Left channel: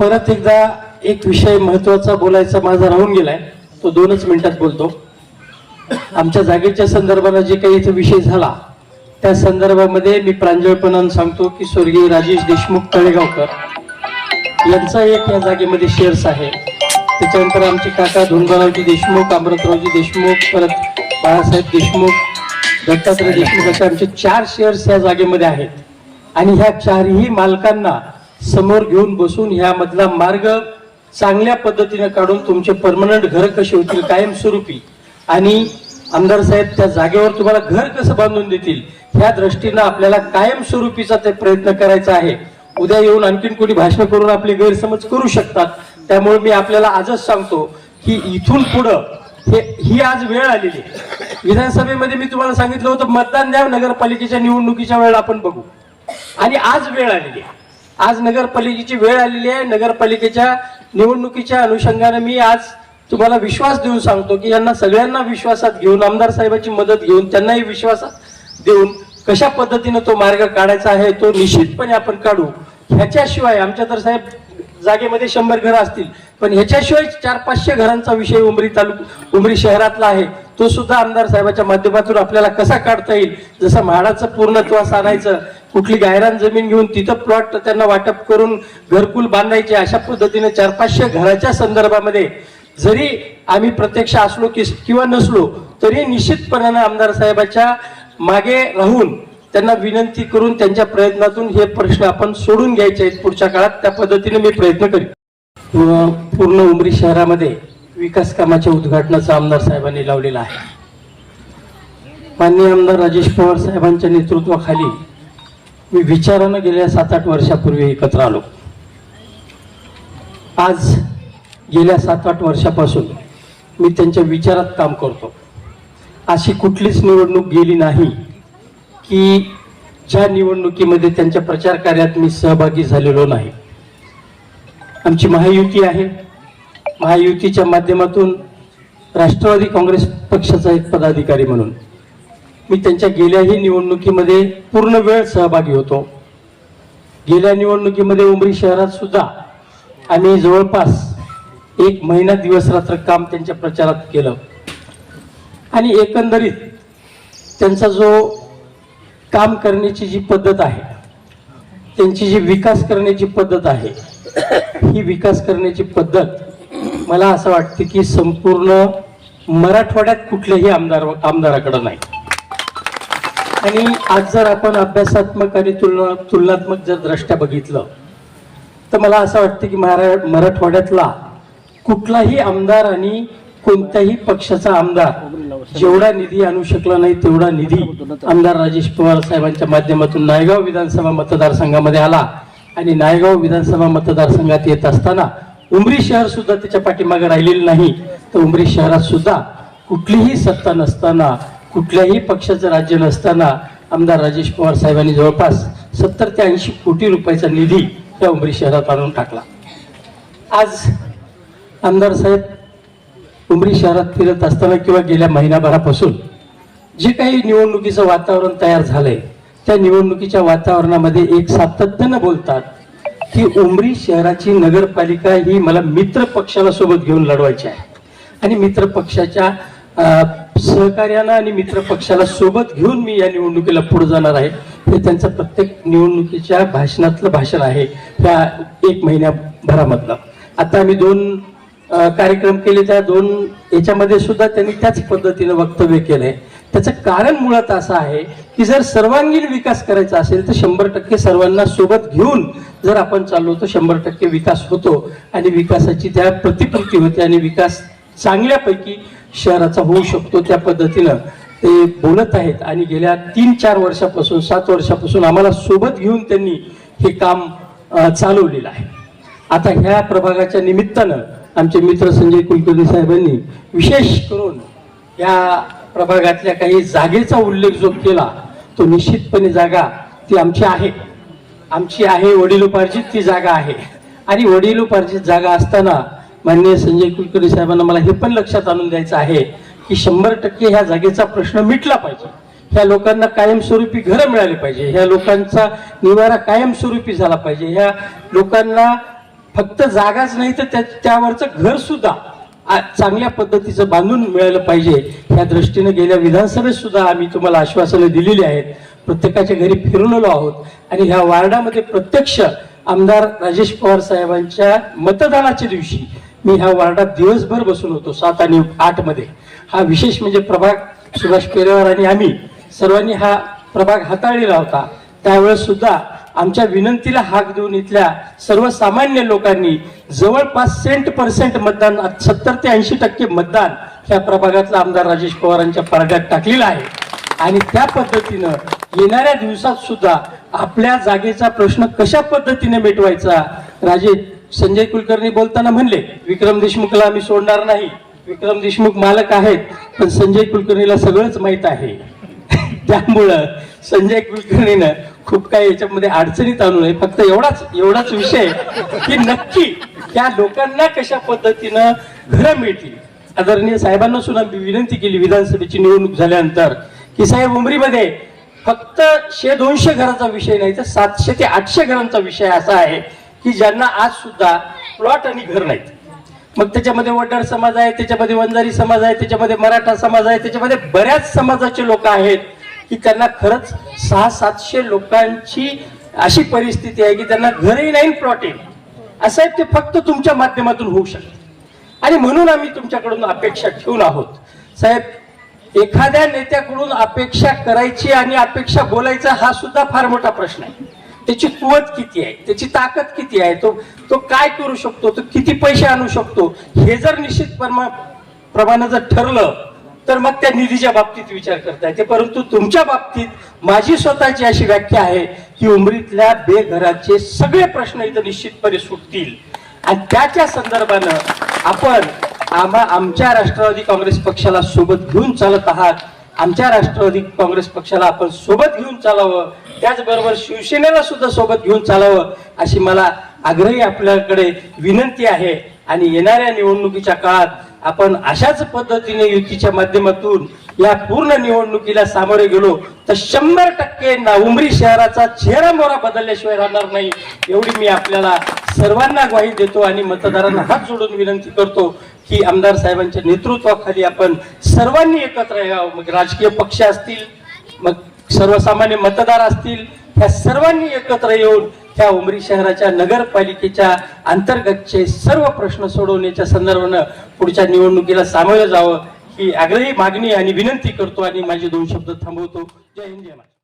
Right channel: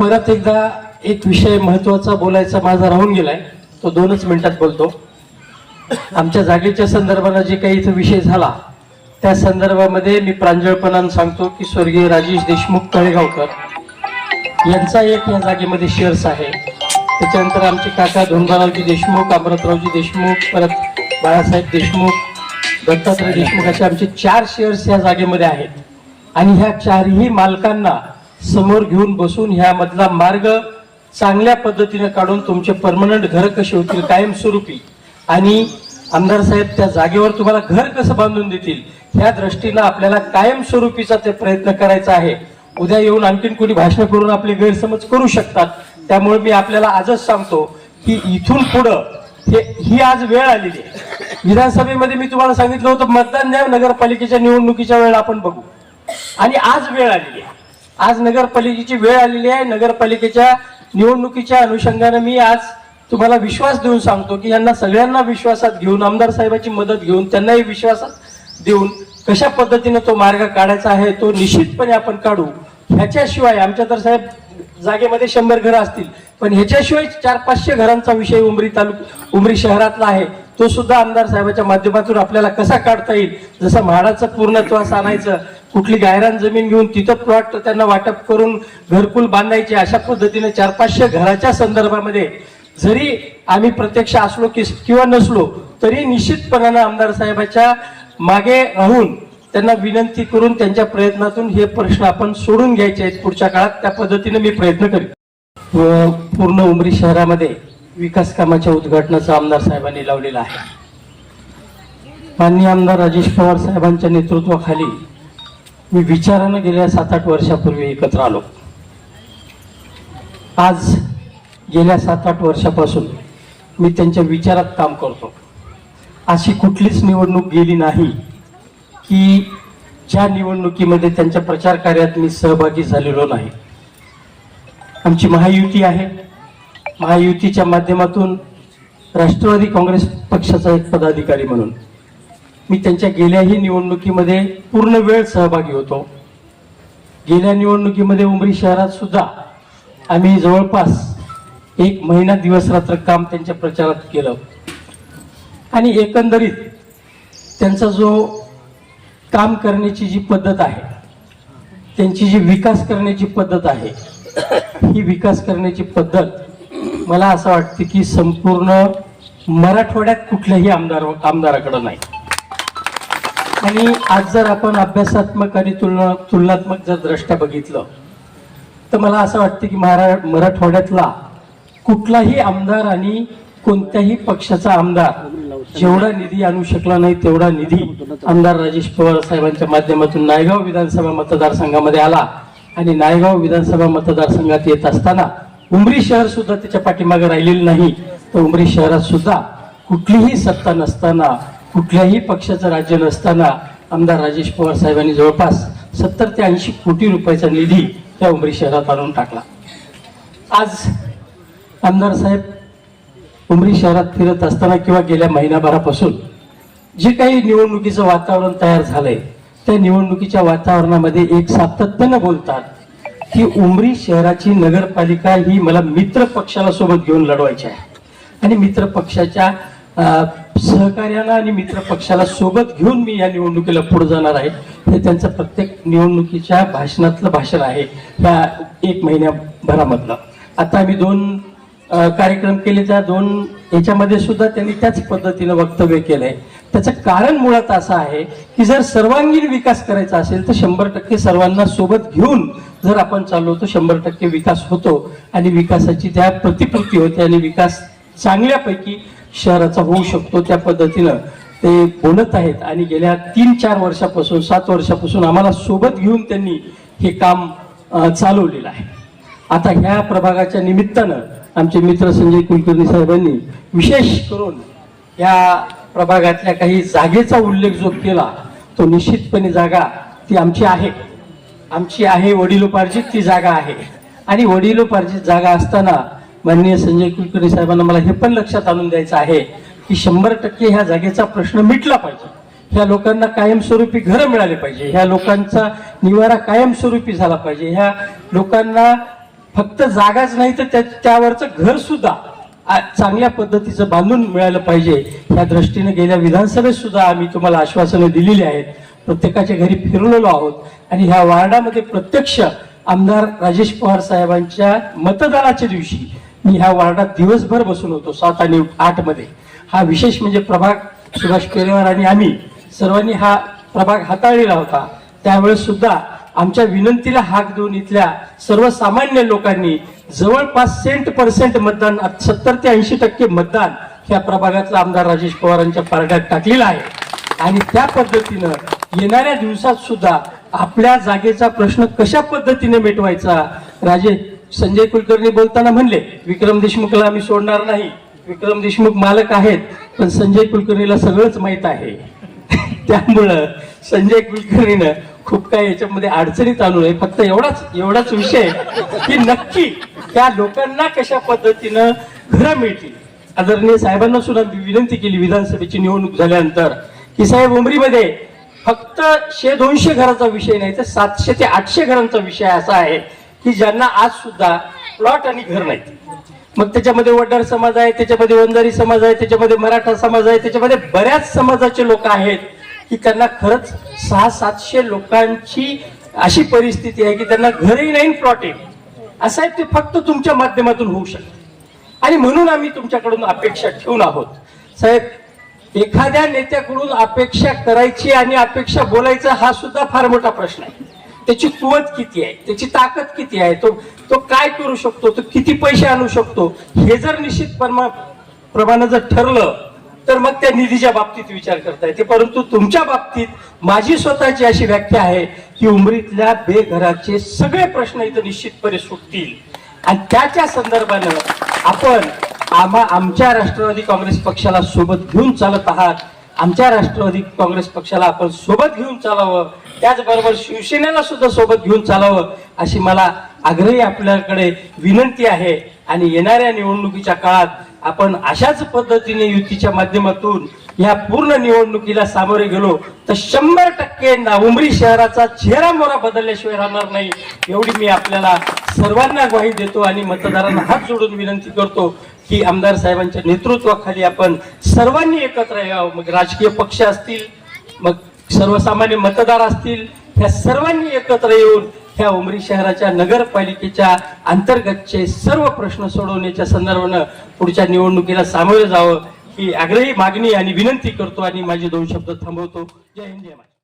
परत एकदा एक विषय महत्त्वाचा बोलायचा माझा राहून गेलाय. तो दोनच मिनिटात बोलतो. आमच्या जागेच्या संदर्भानं जे काही इथं विषय झाला त्या संदर्भामध्ये मी प्रांजळपणानं सांगतो की स्वर्गीय राजेश देशमुख तळेगावकर यांचा एक या जागेमध्ये शेअर्स आहे. त्याच्यानंतर आमचे काका धोंडरावजी देशमुख अमृतरावजी देशमुख परत बाळासाहेब देशमुख दत्तात्रय देशमुख असे आमचे चार शेअर्स या जागेमध्ये आहेत. आणि ह्या चारही मालकांना समोर घेऊन बसून ह्यामधला मार्ग चांगल्या पद्धतीने काढून तुमचे परमनंट घर कसे होतील कायमस्वरूपी आणि आमदार साहेब त्या जागेवर तुम्हाला घर कसं बांधून देतील ह्या दृष्टीनं आपल्याला कायमस्वरूपीचा ते प्रयत्न करायचा आहे. उद्या येऊन आणखीन कोणी भाषण करून आपले गैरसमज करू शकतात. त्यामुळे मी आपल्याला आजच सांगतो की इथून पुढं हे ही आज वेळ आलेली आहे. विधानसभेमध्ये मी तुम्हाला सांगितलं होतं मतदान द्या नगरपालिकेच्या निवडणुकीच्या वेळेला आपण बघू. आणि आज वेळ आलेली आहे. आज नगरपालिकेची वेळ आलेली आहे. नगरपालिकेच्या निवडणुकीच्या अनुषंगाने मी आज तुम्हाला विश्वास देऊन सांगतो की यांना सगळ्यांना विश्वासात घेऊन आमदार साहेबांची मदत घेऊन त्यांनाही विश्वासात देऊन कशा पद्धतीने तो मार्ग काढायचा आहे तो निश्चितपणे आपण काढू. ह्याच्याशिवाय आमच्या तर साहेब जागेमध्ये शंभर घरं असतील. पण ह्याच्याशिवाय चार पाचशे घरांचा विषय उमरी तालुक उमरी शहरातला आहे. तो सुद्धा आमदार साहेबाच्या माध्यमातून आपल्याला कसा काढता येईल? जसं म्हाडाचं पूर्णत्वास आणायचं कुठली गायरान जमीन घेऊन तिथं प्लॉट त्यांना वाटप करून घरकुल बांधायचे अशा पद्धतीने चार पाचशे घराच्या संदर्भामध्ये जरी आम्ही प्रत्यक्ष असलो की किंवा नसलो तरी निश्चितपणानं आमदार साहेबाच्या मागे राहून त्यांना विनंती करून त्यांच्या प्रयत्नातून हे प्रश्न आपण सोडून घ्यायचे आहेत पुढच्या काळात. त्या पद्धतीने मी प्रयत्न करीन. व पूर्ण उमरी शहरामध्ये विकास कामाच्या उद्घाटनाचा आमदार साहेबांनी लावलेला आहे. माननीय आमदार राजेश पवार साहेबांच्या नेतृत्वाखाली मी विचारानं गेल्या सात आठ वर्षापूर्वी एकत्र आलो. आज गेल्या सात आठ वर्षापासून मी त्यांच्या विचारात काम करतो. अशी कुठलीच निवडणूक गेली नाही. की ज्या निवडणुकीमध्ये त्यांच्या प्रचार कार्यात मी सहभागी झालेलो नाही. आमची महायुती आहे. महायुतीच्या माध्यमातून राष्ट्रवादी काँग्रेस पक्षाचा एक पदाधिकारी म्हणून मी त्यांच्या गेल्याही निवडणुकीमध्ये पूर्ण वेळ सहभागी होतो. गेल्या निवडणुकीमध्ये उमरी शहरात सुद्धा आम्ही जवळपास एक महिना दिवस रात्र काम त्यांच्या प्रचारात केलं. आणि एकंदरीत त्यांचा जो काम करण्याची जी पद्धत आहे त्यांची जी विकास करण्याची पद्धत आहे ही विकास करण्याची पद्धत मला असं वाटते की संपूर्ण मराठवाड्यात कुठल्याही आमदार आमदाराकडं नाही. आणि आज जर आपण अभ्यासात्मक आणि तुलना तुलनात्मक जर दृष्ट्या बघितलं तर मला असं वाटतं की महारा मराठवाड्यातला कुठलाही आमदार आणि कोणत्याही पक्षाचा आमदार जेवढा निधी आणू शकला नाही तेवढा निधी आमदार राजेश पवार साहेबांच्या माध्यमातून नायगाव विधानसभा मतदारसंघामध्ये आला. आणि नायगाव विधानसभा मतदारसंघात येत असताना उमरी शहर सुद्धा त्याच्या पाठीमागे राहिलेलं नाही. तर उमरी शहरात सुद्धा कुठलीही सत्ता नसताना कुठल्याही पक्षाचं राज्य नसताना आमदार राजेश पवार साहेबांनी जवळपास सत्तर ते ऐंशी कोटी रुपयाचा निधी त्या उमरी शहरात आणून टाकला. आज आमदार साहेब उमरी शहरात फिरत असताना किंवा गेल्या महिनाभरापासून जे काही निवडणुकीचं वातावरण तयार झालंय त्या निवडणुकीच्या वातावरणामध्ये एक सातत्यानं बोलतात की उमरी शहराची नगरपालिका ही मला मित्र पक्षाला सोबत घेऊन लढवायची आहे. आणि मित्र पक्षाच्या सहकार्यानं आणि मित्र पक्षाला सोबत घेऊन मी या निवडणुकीला पुढे जाणार आहे. हे त्यांचं प्रत्येक निवडणुकीच्या भाषणातलं भाषण आहे ह्या एक महिन्याभरामधलं. आता आम्ही दोन कार्यक्रम केले त्या दोन याच्यामध्ये सुद्धा त्यांनी त्याच पद्धतीनं वक्तव्य केलंय. त्याचं कारण मुळात असं आहे की जर सर्वांगीण विकास करायचा असेल तर शंभर टक्के सर्वांना सोबत घेऊन जर आपण चाललो तर शंभर टक्के विकास होतो आणि विकासाची त्या प्रतिकृती होते आणि विकास चांगल्यापैकी शहराचा होऊ शकतो त्या पद्धतीनं. ते बोलत आहेत आणि गेल्या तीन चार वर्षापासून सात वर्षापासून आम्हाला सोबत घेऊन त्यांनी हे काम चालवलेलं आहे. आता ह्या प्रभागाच्या निमित्तानं आमचे मित्र संजय कुलकर्णी साहेबांनी विशेष करून या प्रभागातल्या काही जागेचा उल्लेख जो केला तो निश्चितपणे जागा ती आमची आहे. आमची आहे वडिलोपार्जित ती जागा आहे. आणि वडिलोपार्जित जागा असताना माननीय संजय कुलकर्णी साहेबांना मला हे पण लक्षात आणून द्यायचं आहे की शंभर टक्के ह्या जागेचा प्रश्न मिटला पाहिजे. ह्या लोकांना कायमस्वरूपी घरं मिळाली पाहिजे. ह्या लोकांचा निवारा कायमस्वरूपी झाला पाहिजे. ह्या लोकांना फक्त जागाच नाही तर त्या त्यावरचं घर सुद्धा चांगल्या पद्धतीचं बांधून मिळालं पाहिजे. ह्या दृष्टीने गेल्या विधानसभेत सुद्धा आम्ही तुम्हाला आश्वासनं दिलेली आहेत. प्रत्येकाच्या घरी फिरलेलो आहोत. आणि ह्या वार्डामध्ये प्रत्यक्ष आमदार राजेश पवार साहेबांच्या मतदानाच्या दिवशी मी ह्या वार्डात दिवसभर बसून होतो सात आणि आठमध्ये. हा विशेष म्हणजे प्रभाग सुभाष पेरेवर आणि आम्ही सर्वांनी हा प्रभाग हाताळलेला होता. त्यावेळेस सुद्धा आमच्या विनंतीला हाक देऊन इथल्या सर्वसामान्य लोकांनी जवळपास सेंट पर्सेंट मतदान सत्तर ते ऐंशी टक्के मतदान ह्या प्रभागातला आमदार राजेश पवारांच्या पारड्यात टाकलेला आहे. आणि त्या पद्धतीनं येणाऱ्या दिवसात सुद्धा आपल्या जागेचा प्रश्न कशा पद्धतीने मिटवायचा राजे संजय कुलकर्णी बोलताना म्हणले विक्रम देशमुखला आम्ही सोडणार नाही विक्रम देशमुख मालक आहेत पण संजय कुलकर्णीला सगळंच माहीत आहे. त्यामुळं संजय कुलकर्णीनं खूप काही याच्यामध्ये अडचणीत आणू नये. फक्त एवढाच एवढाच विषय की नक्की त्या लोकांना कशा पद्धतीनं घरं मिळतील. आदरणीय साहेबांना सुद्धा विनंती केली विधानसभेची निवडणूक झाल्यानंतर की साहेब उमरीमध्ये फक्त शे दोनशे घराचा विषय नाही तर सातशे ते आठशे घरांचा विषय असा आहे की ज्यांना आज सुद्धा प्लॉट आणि घर नाहीत. मग त्याच्यामध्ये वडार समाज आहे त्याच्यामध्ये वंजारी समाज आहे त्याच्यामध्ये मराठा समाज आहे त्याच्यामध्ये बऱ्याच समाजाचे लोक आहेत. की त्यांना खरंच सहा सातशे लोकांची अशी परिस्थिती आहे की त्यांना घरही नाही प्लॉटिंग असं आहे ते फक्त तुमच्या माध्यमातून होऊ शकते. आणि म्हणून आम्ही तुमच्याकडून अपेक्षा ठेवून आहोत. साहेब एखाद्या नेत्याकडून अपेक्षा करायची आणि अपेक्षा बोलायचा हा सुद्धा फार मोठा प्रश्न आहे. त्याची कुवत किती आहे? त्याची ताकद किती आहे? तो तो काय करू शकतो? तो किती पैसे आणू शकतो? हे जर निश्चित परमा- जर ठरलं तर मग त्या निधीच्या बाबतीत विचार करता येते परंतु तुमच्या बाबतीत माझी स्वतःची अशी व्याख्या आहे की उमरीतल्या बेघराचे सगळे प्रश्न इथं निश्चितपणे सुटतील. आणि त्याच्या संदर्भानं आपण आम्हा आमच्या राष्ट्रवादी काँग्रेस पक्षाला सोबत घेऊन चालत आहात. आमच्या राष्ट्रवादी काँग्रेस पक्षाला आपण सोबत घेऊन चालावं. त्याचबरोबर शिवसेनेला सुद्धा सोबत घेऊन चालावं अशी मला आग्रही आपल्याकडे विनंती आहे. आणि येणाऱ्या निवडणुकीच्या काळात आपण अशाच पद्धतीने युतीच्या माध्यमातून या पूर्ण निवडणुकीला सामोरे गेलो तर शंभर टक्के ना शहराचा चेहरा मोरा बदलल्याशिवाय राहणार नाही एवढी मी आपल्याला सर्वांना ग्वाही देतो आणि मतदारांना हात जोडून विनंती करतो की आमदार साहेबांच्या नेतृत्वाखाली आपण सर्वांनी एकत्र यावं. मग राजकीय पक्ष असतील मग सर्वसामान्य मतदार असतील ह्या सर्वांनी एकत्र येऊन ह्या उमरी शहराच्या नगरपालिकेच्या अंतर्गतचे सर्व प्रश्न सोडवण्याच्या संदर्भानं पुढच्या निवडणुकीला सामोरं जावं ही आग्रही मागणी आणि विनंती करतो आणि माझे दोन शब्द थांबवतो. जय हिंद जय महाराज